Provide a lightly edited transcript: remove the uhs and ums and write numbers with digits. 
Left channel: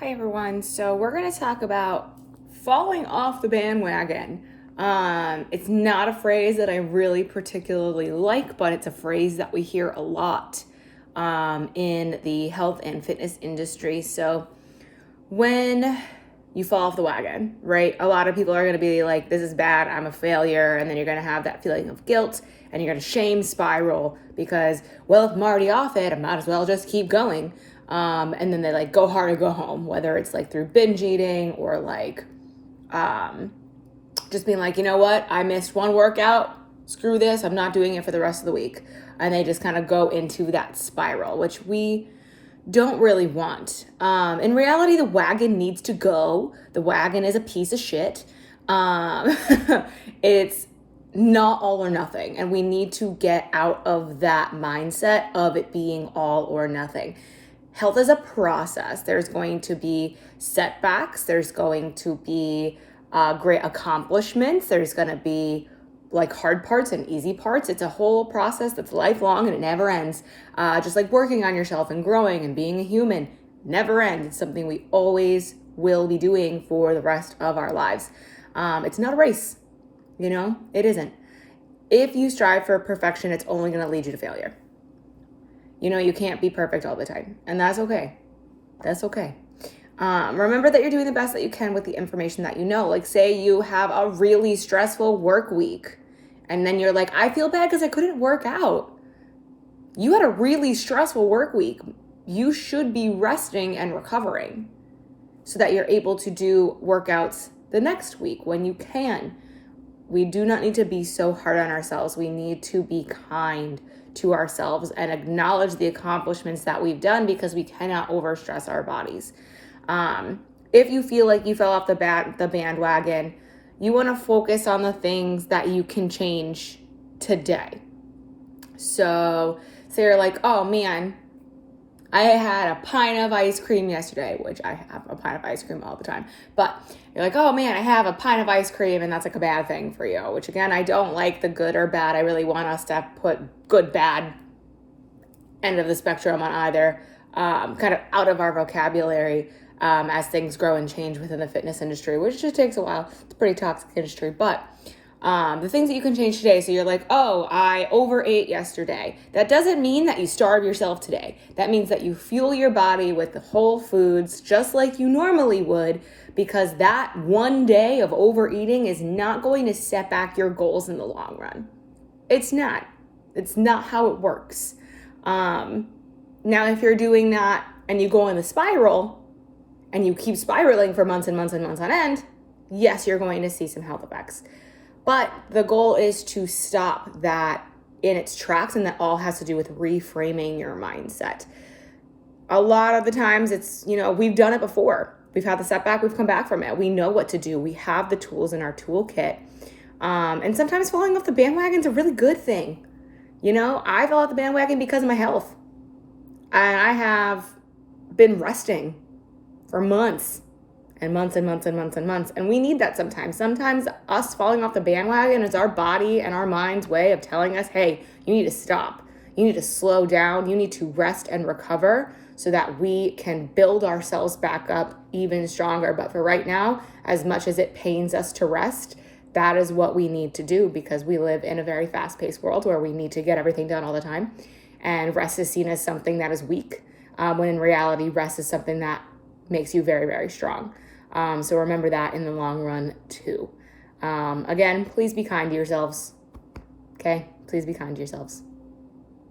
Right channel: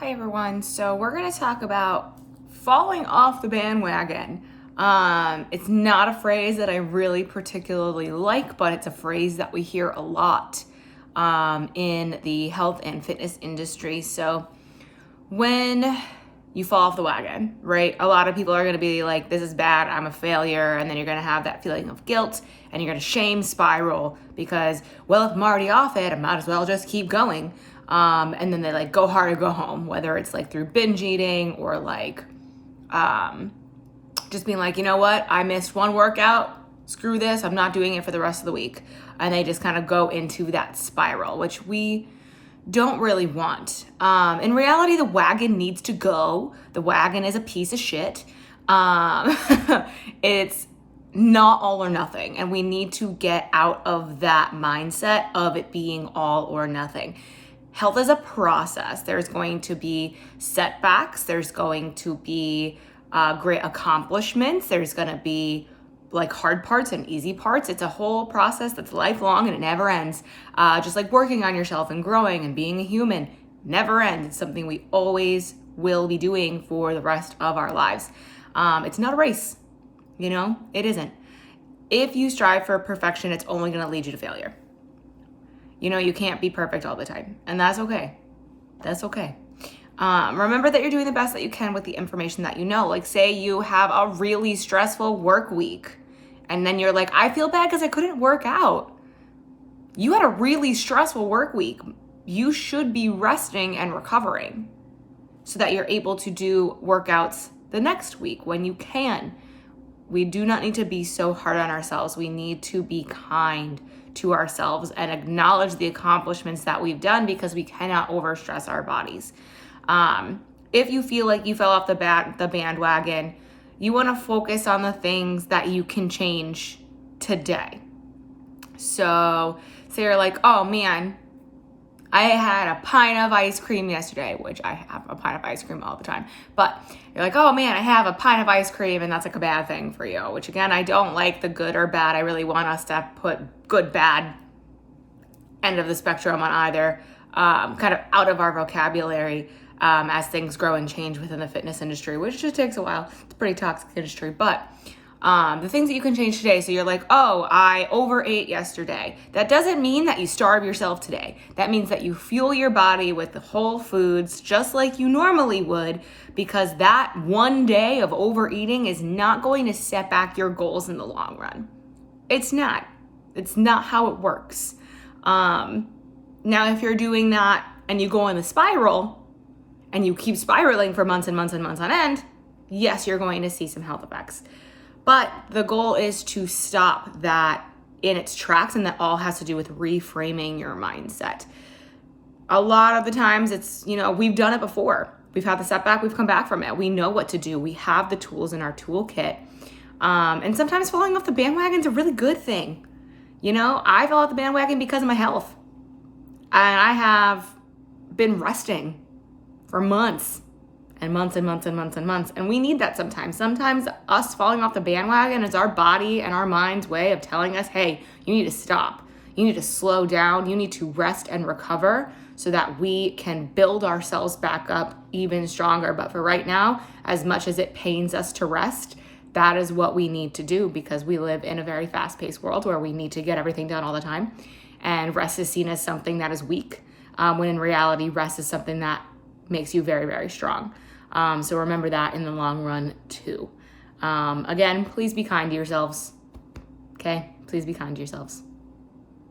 Hi everyone. So we're going to talk about falling off the bandwagon. It's not a phrase that I really particularly like, but it's a phrase that we hear a lot in the health and fitness industry. So when you fall off the wagon, right? A lot of people are going to be like, this is bad, I'm a failure. And then you're going to have that feeling of guilt and you're going to shame spiral because, well, if I'm already off it, I might as well just keep going. And then they like go hard or go home, whether it's like through binge eating or like just being like, you know what, I missed one workout, screw this, I'm not doing it for the rest of the week. And they just kind of go into that spiral, which we don't really want. In reality, the wagon needs to go. The wagon is a piece of shit. It's not all or nothing. And we need to get out of that mindset of it being all or nothing. Health is a process. There's going to be setbacks. There's going to be great accomplishments. There's going to be like hard parts and easy parts. It's a whole process that's lifelong and it never ends. Just like working on yourself and growing and being a human never ends. It's something we always will be doing for the rest of our lives. It's not a race, it isn't. If you strive for perfection, it's only going to lead you to failure. You can't be perfect all the time, and that's okay. That's okay. Remember that you're doing the best that you can with the information that you know. Like say you have a really stressful work week and then you're like, I feel bad because I couldn't work out. You had a really stressful work week. You should be resting and recovering so that you're able to do workouts the next week when you can. We do not need to be so hard on ourselves. We need to be kind to ourselves and acknowledge the accomplishments that we've done because we cannot overstress our bodies. If you feel like you fell off the bandwagon, you want to focus on the things that you can change today. So say you're like, oh man, I had a pint of ice cream yesterday, which I have a pint of ice cream all the time. But you're like, oh man, I have a pint of ice cream and that's like a bad thing for you, which again, I don't like the good or bad. I really want us to put good, bad end of the spectrum on either, kind of out of our vocabulary as things grow and change within the fitness industry, which just takes a while. It's a pretty toxic industry, but the things that you can change today. So you're like, oh, I overate yesterday. That doesn't mean that you starve yourself today. That means that you fuel your body with the whole foods just like you normally would, because that one day of overeating is not going to set back your goals in the long run. It's not how it works. Now, if you're doing that and you go in the spiral and you keep spiraling for months and months and months on end, yes, you're going to see some health effects. But the goal is to stop that in its tracks, and that all has to do with reframing your mindset. A lot of the times it's, we've done it before. We've had the setback, we've come back from it. We know what to do. We have the tools in our toolkit. And sometimes falling off the bandwagon is a really good thing. I fell off the bandwagon because of my health. And I have been resting for months and months and months and months and months. And we need that sometimes. Sometimes us falling off the bandwagon is our body and our mind's way of telling us, hey, you need to stop. You need to slow down. You need to rest and recover so that we can build ourselves back up even stronger. But for right now, as much as it pains us to rest, that is what we need to do because we live in a very fast-paced world where we need to get everything done all the time. And rest is seen as something that is weak, when in reality, rest is something that makes you very, very strong. So remember that in the long run too. Again, please be kind to yourselves. Okay? Please be kind to yourselves.